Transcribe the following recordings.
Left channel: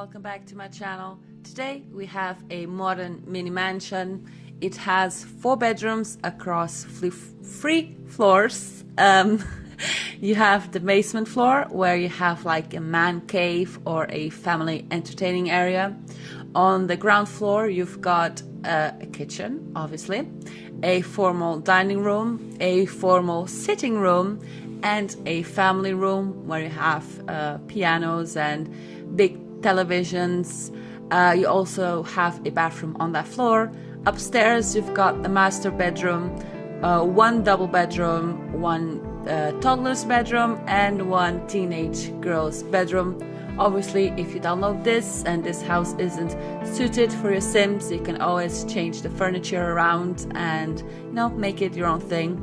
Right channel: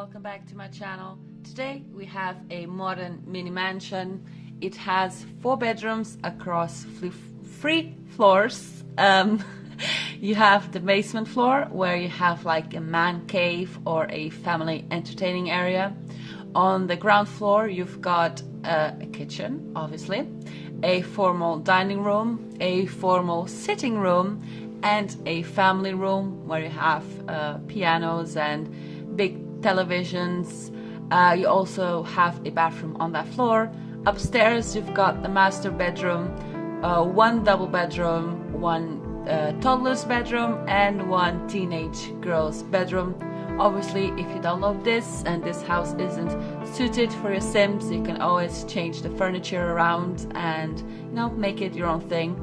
welcome back to my channel. Today we have a modern mini mansion. It has 4 bedrooms across 3 floors. You have the basement floor where you have like a man cave or a family entertaining area. On the ground floor you've got a kitchen, obviously, a formal dining room, a formal sitting room, and a family room where you have pianos and big televisions. You also have a bathroom on that floor. Upstairs you've got the master bedroom, 1 double bedroom, 1 toddler's bedroom, and 1 teenage girl's bedroom. Obviously, if you download this and this house isn't suited for your Sims, you can always change the furniture around and, you know, make it your own thing.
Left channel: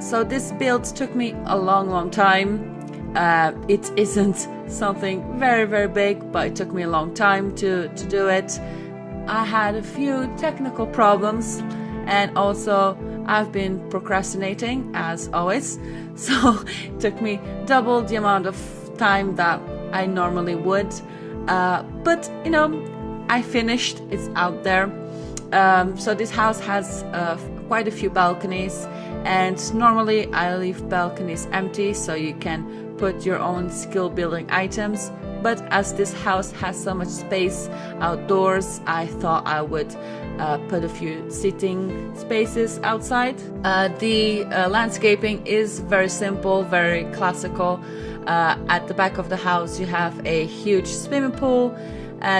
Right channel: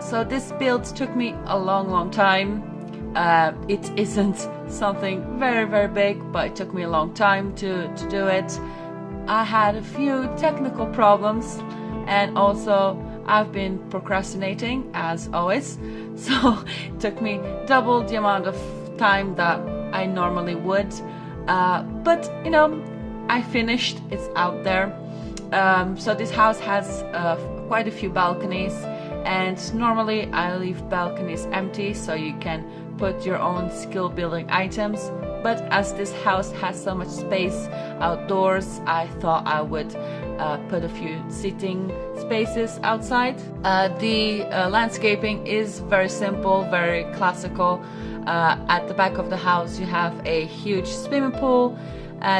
So this build took me a long time. It isn't something very big, but it took me a long time to do it. I had a few technical problems, and also I've been procrastinating as always, so it took me double the amount of time that I normally would, but you know, I finished. It's out there. So this house has quite a few balconies, and normally I leave balconies empty so you can put your own skill building items, but as this house has so much space outdoors, I thought I would put a few sitting spaces outside. The landscaping is very simple, very classical. At the back of the house you have a huge swimming pool.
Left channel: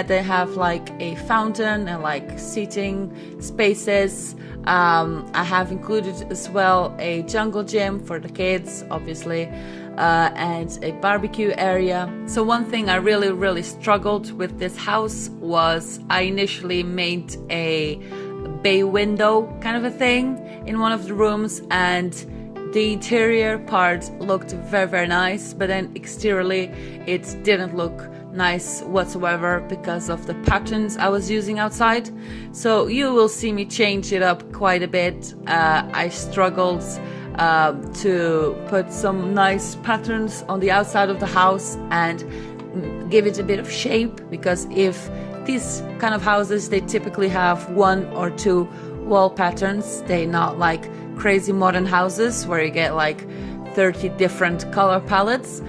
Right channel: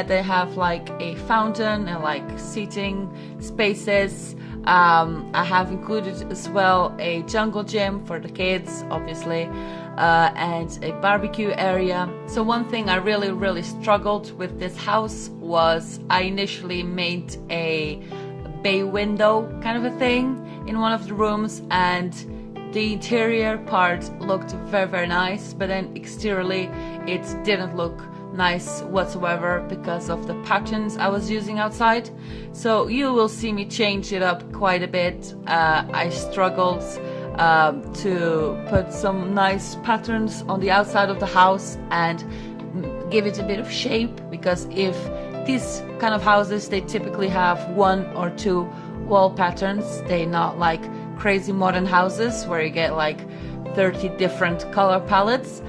They have like a fountain and like seating spaces. I have included as well a jungle gym for the kids, obviously, and a barbecue area. So one thing I really struggled with this house was I initially made a bay window kind of a thing in one of the rooms, and the interior part looked very nice, but then exteriorly it didn't look nice whatsoever because of the patterns I was using outside. So you will see me change it up quite a bit. I struggled to put some nice patterns on the outside of the house and give it a bit of shape, because if these kind of houses, they typically have 1 or 2 wall patterns. They're not like crazy modern houses where you get like 30 different color palettes.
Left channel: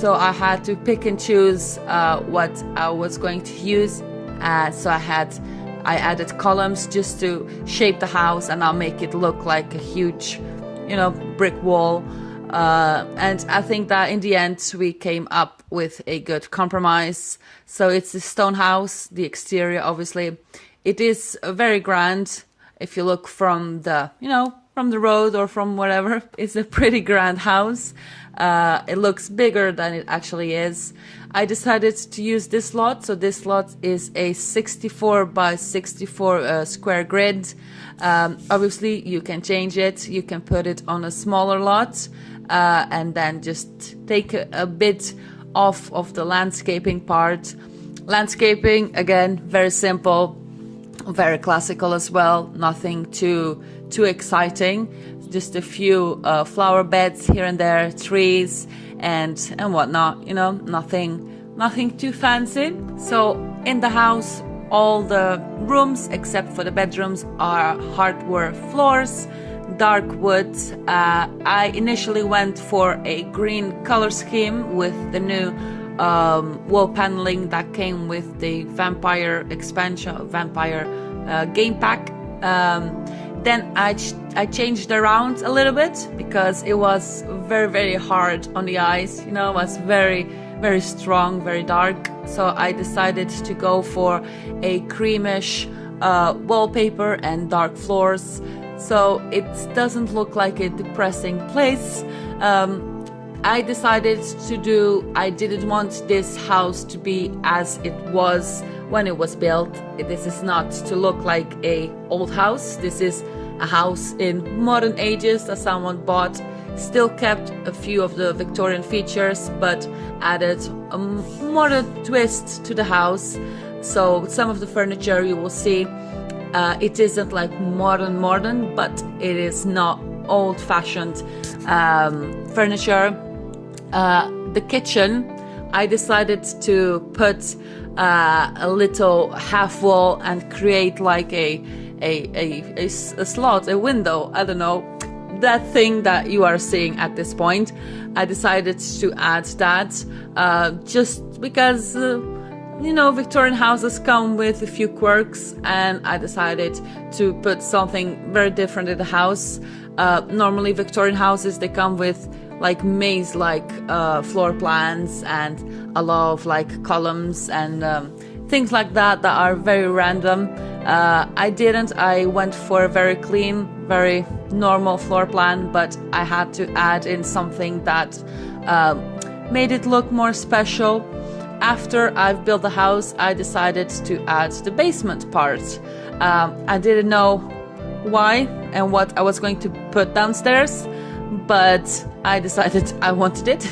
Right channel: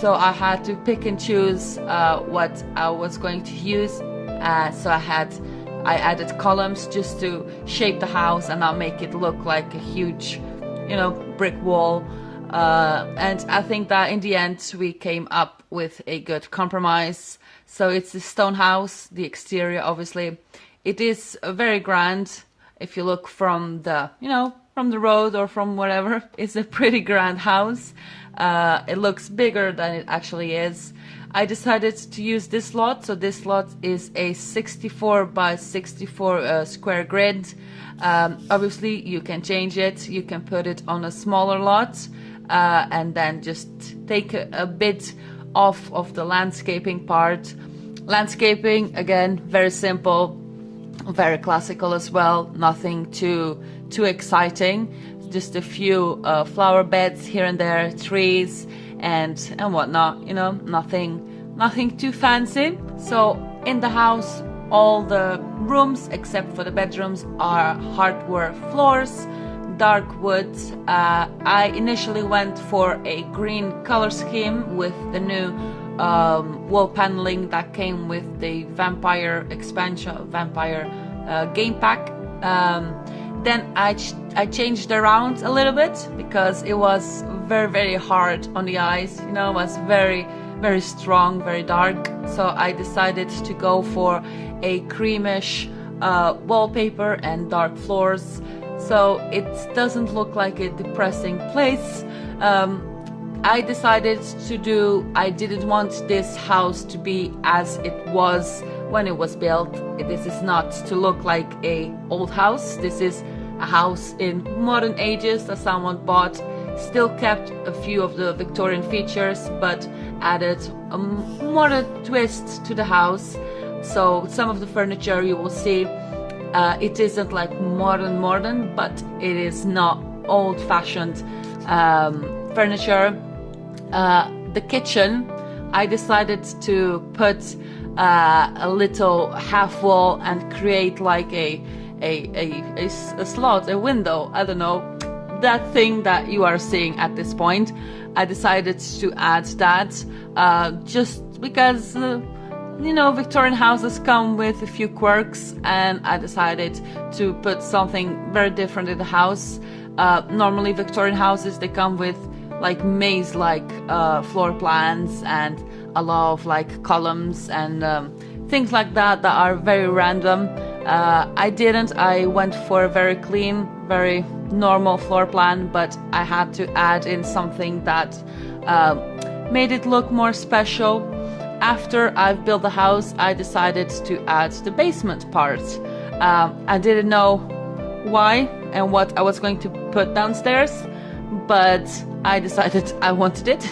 So I had to pick and choose what I was going to use. So I added columns just to shape the house and not make it look like a huge, you know, brick wall. And I think that in the end we came up with a good compromise. So it's a stone house. The exterior, obviously, it is very grand. If you look from the, you know, from the road or from wherever, it's a pretty grand house. It looks bigger than it actually is. I decided to use this lot. So this lot is a 64 by 64 square grid. Obviously you can change it. You can put it on a smaller lot and then just take a bit off of the landscaping part. Landscaping, again, very simple, very classical as well. Nothing too exciting. Just a few flower beds here and there, trees and whatnot, you know, nothing too fancy. So in the house, all the rooms except for the bedrooms are hardwood floors, dark wood. I initially went for a green color scheme with the new wall paneling that came with the vampire expansion, vampire game pack. Then I changed around a little bit because it was very hard on the eyes, you know, it was very strong, very dark. So I decided to go for a creamish wallpaper and dark floors, so it doesn't look like a depressing place. I decided I didn't want this house to be as it was when it was built. This is not to look like a old house. This is a house in modern ages that someone bought, still kept a few of the Victorian features, but added a modern twist to the house. So some of the furniture you will see, it isn't like modern, but it is not old-fashioned furniture. The kitchen, I decided to put a little half wall and create like a slot, a window, I don't know, that thing that you are seeing at this point. I decided to add that just because you know, Victorian houses come with a few quirks, and I decided to put something very different in the house. Normally Victorian houses, they come with like maze-like floor plans and a lot of like columns and things like that that are very random. I didn't. I went for a very clean, very normal floor plan, but I had to add in something that made it look more special. After I've built the house, I decided to add the basement part. I didn't know why and what I was going to put downstairs, but I decided I wanted it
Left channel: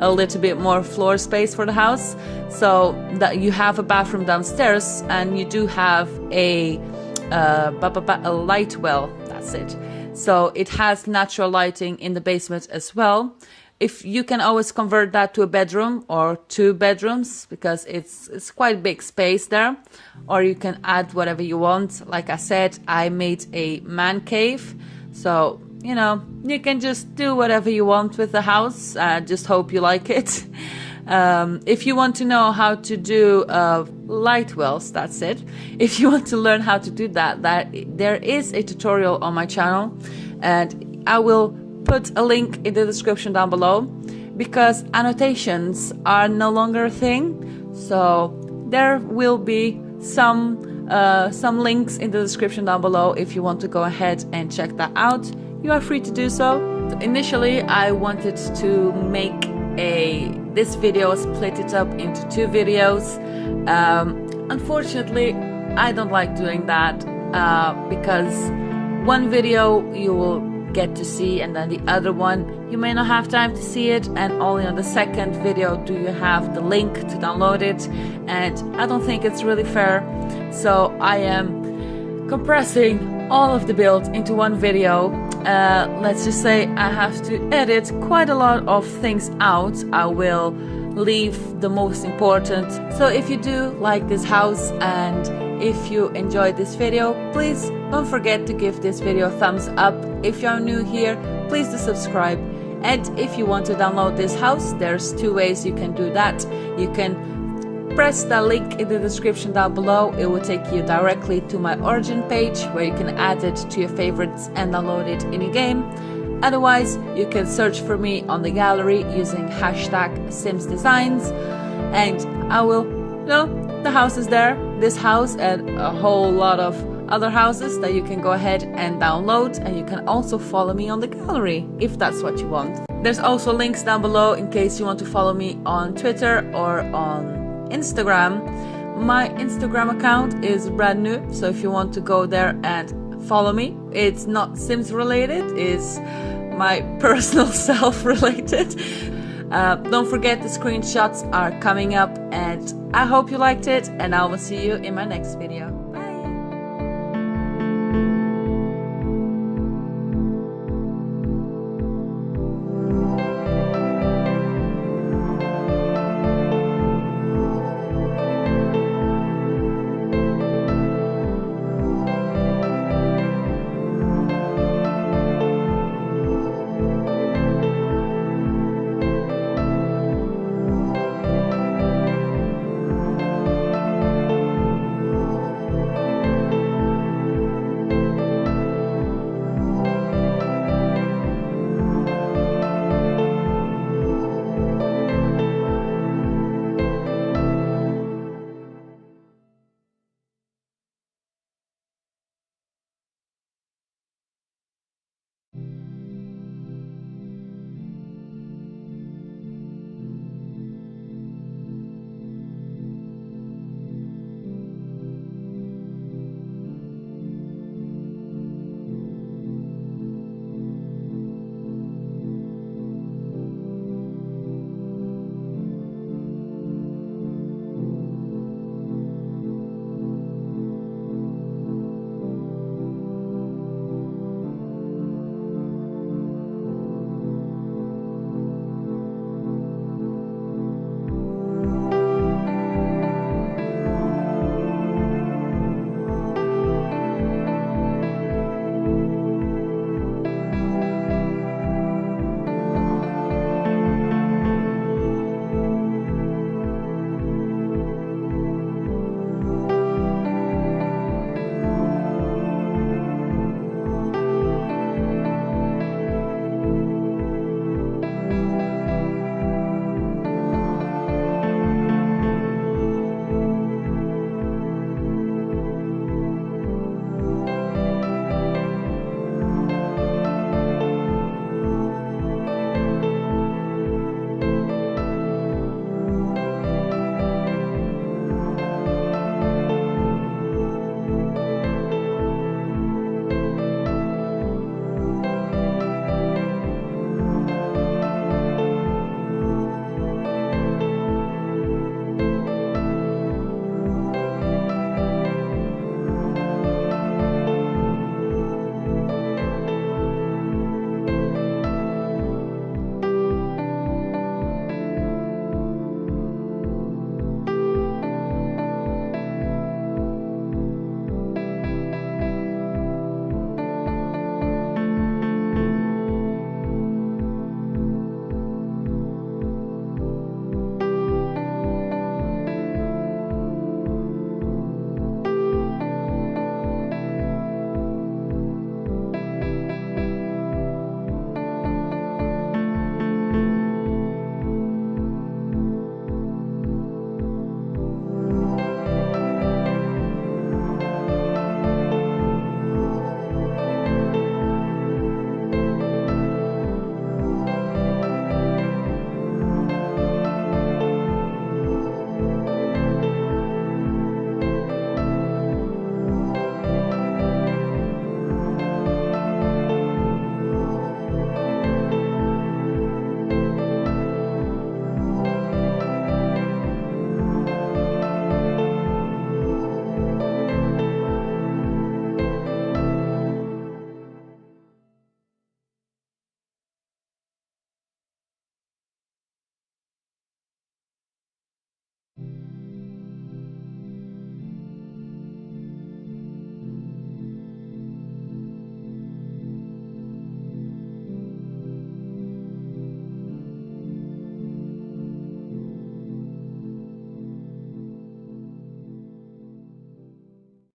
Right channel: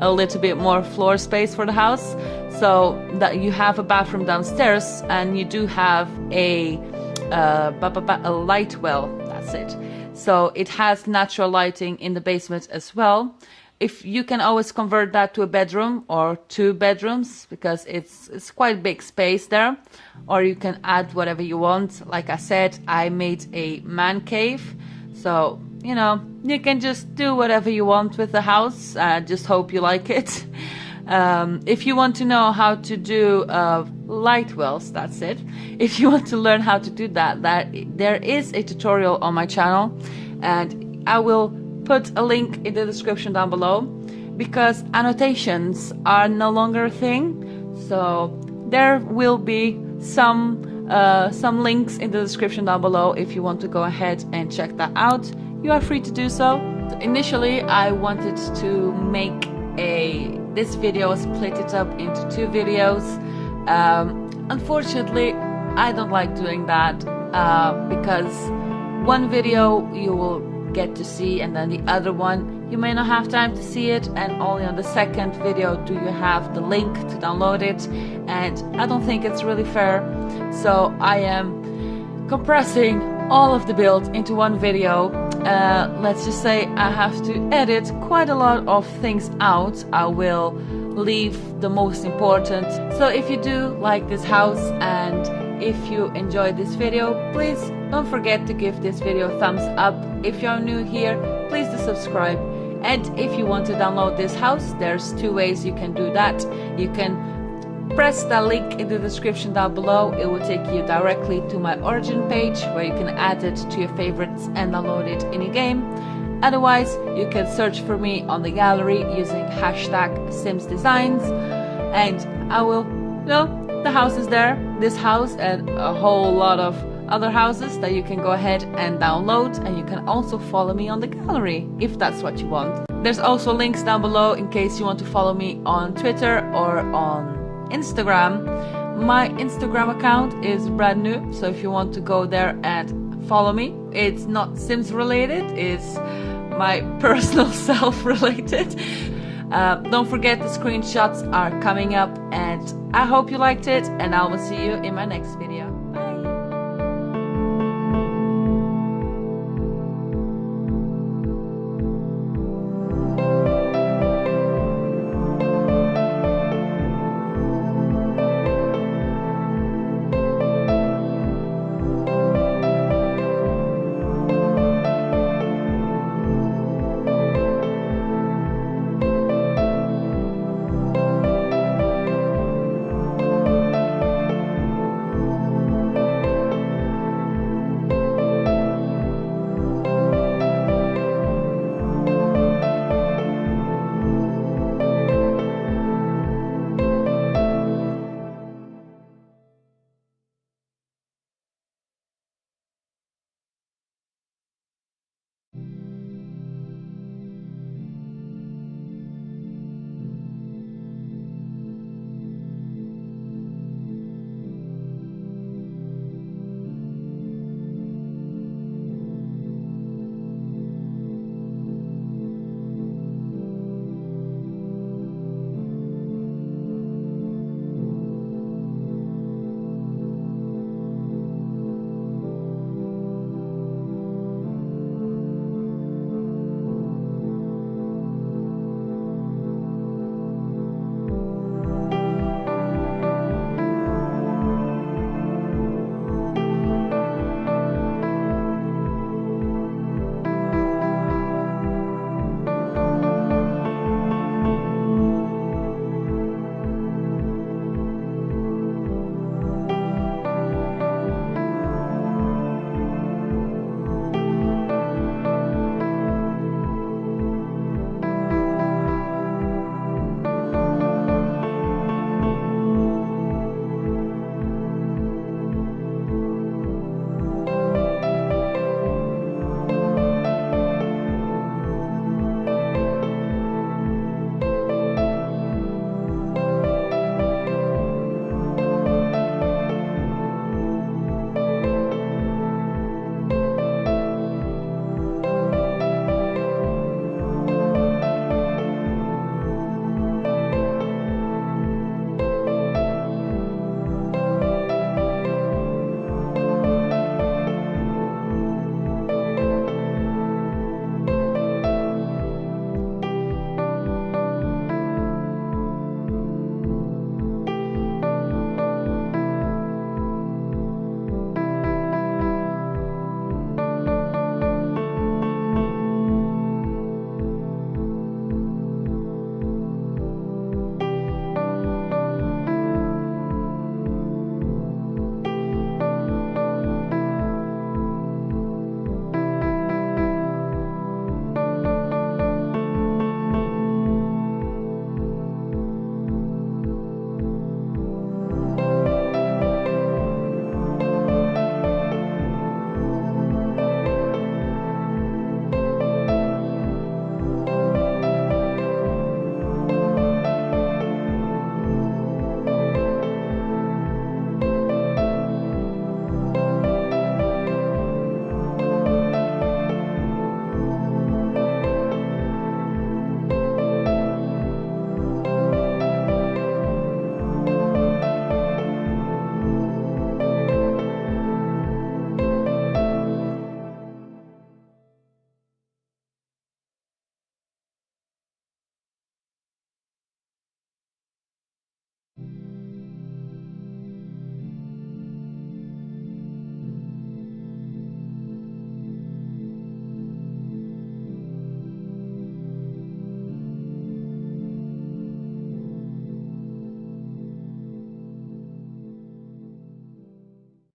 a little bit more floor space for the house, so that you have a bathroom downstairs and you do have a light well. That's it. So it has natural lighting in the basement as well. If you can always convert that to a bedroom or 2 bedrooms, because it's quite big space there, or you can add whatever you want. Like I said, I made a man cave, so you know, you can just do whatever you want with the house. Just hope you like it. If you want to know how to do light wells, that's it. If you want to learn how to do that, there is a tutorial on my channel, and I will put a link in the description down below, because annotations are no longer a thing. So there will be some links in the description down below. If you want to go ahead and check that out, you are free to do so. Initially, I wanted to make this video, split it up into 2 videos. Unfortunately, I don't like doing that because one video you will get to see, and then the other one you may not have time to see it, and only on the second video do you have the link to download it, and I don't think it's really fair. So I am compressing all of the build into one video. Let's just say I have to edit quite a lot of things out. I will leave the most important. So if you do like this house and if you enjoyed this video, please don't forget to give this video a thumbs up. If you're new here, please do subscribe. And if you want to download this house, there's 2 ways you can do that. You can press the link in the description down below. It will take you directly to my origin page, where you can add it to your favorites and download it in your game. Otherwise, you can search for me on the gallery using #SimsDesigns, and I will, you know, the house is there, this house and a whole lot of other houses that you can go ahead and download, and you can also follow me on the gallery if that's what you want. There's also links down below in case you want to follow me on Twitter or on Instagram. My Instagram account is brand new, so if you want to go there and follow me, it's not Sims related, it's my personal self related. Don't forget, the screenshots are coming up, and I hope you liked it, and I will see you in my next video.